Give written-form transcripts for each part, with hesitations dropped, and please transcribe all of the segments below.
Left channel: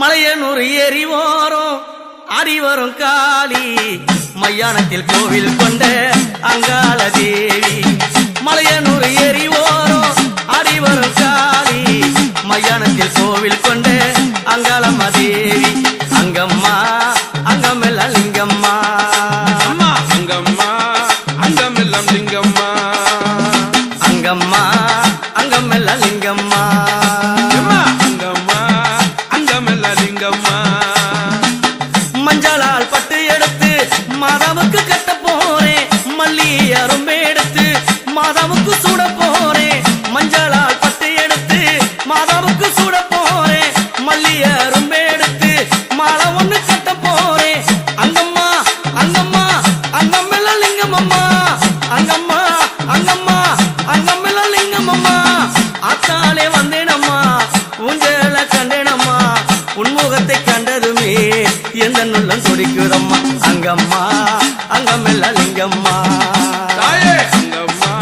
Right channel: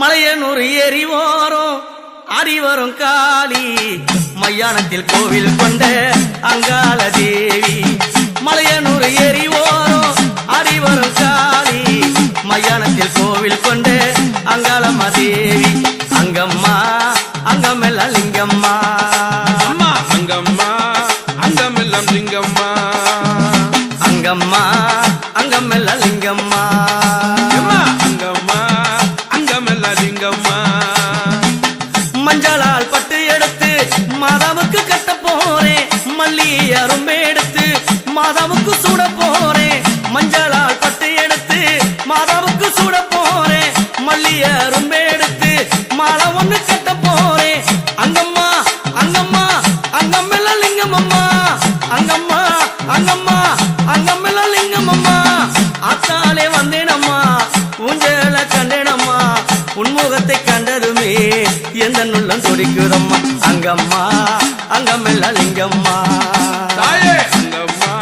மலையனூர் ஏறி ஓரம் அடிவரும் காளி மையானத்தில் கோவில் கொண்ட அங்காள தேவி. மலையனூர் ஏறி ஓரம் அடிவரும் காளி மையானத்தில் கோவில் கொண்ட அங்காளம்மா தேவி. அங்கம்மா அங்கமெல்லாம் லிங்கம்மா, அம்மா அங்கம்மா அங்கமெல்லாம் லிங்கம்மா, அங்கம்மா அங்கமெல்லாம் லிங்கம்மா, அம்மா அங்கம்மா அங்கமெல்லாம் லிங்கம்மா. மஞ்சளால் பட்டு எடுத்து மாதாவுக்கு கட்ட போறேன், மல்லி அரும்பே எடுத்து மாதாவுக்கு சூட போறேன். மஞ்சளால் பட்டு எடுத்து மாதாவுக்கு சூட போறேன், மல்லி அரும்பே எடுத்து மாலை ஒண்ணு கட்ட போறேன். அங்கம்மா அங்கம்மா அங்கமெல்லாம் லிங்கம்மா, அங்கம்மா அங்கம்மா அங்கமெல்லாம் லிங்கம்மா. ஆத்தாலே வந்தேனம்மா ஊஞ்சல கண்டேனம்மா, உன்முகத்தை கண்டதுமே எந்த நுள்ளம் துடிக்குதம்மா. அங்கம்மா அங்கமெல்லாம் லிங்கம்மா, தாயே அங்கம்மா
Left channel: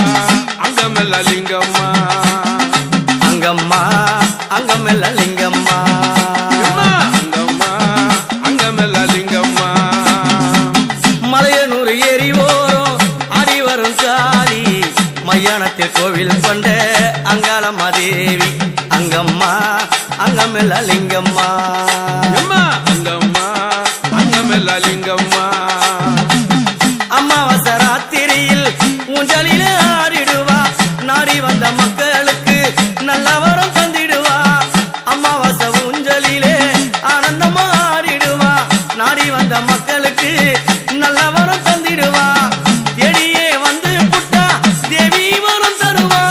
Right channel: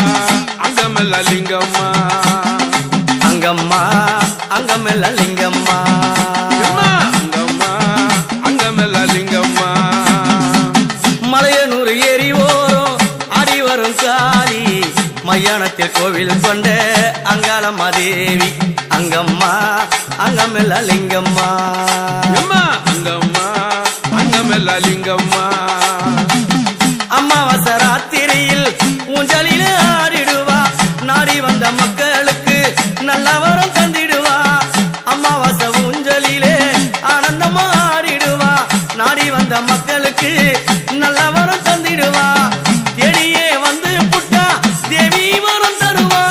அங்கமெல்லாம் லிங்கம்மா, அங்கம்மா அங்கமெல்லாம் லிங்கம்மா, அம்மா அங்கம்மா அங்கமெல்லாம் லிங்கம்மா. மலையனூர் ஏறி ஓரம் அடி வரும் காளி மையானத்தில் கோவில் கொண்ட அங்காளம்மா தேவி. அங்கம்மா அங்கமெல்லாம் லிங்கம்மா, அம்மா அங்கம்மா அங்கமெல்லாம் லிங்கம்மா. அமாவாசை ராத்திரியில் ஊஞ்சலில ஆடிடுவா, நாடி வந்த மக்களுக்கு நல்ல வரம் தந்திடுவா. அமாவாசை ஊஞ்சலிலே ஆனந்தமா ஆடிடுவா, நாடி வந்த மக்களுக்கு நல்ல வரம் தந்திடுவா. தேடியே வந்து புட்டா தேவி வரம் தருவா.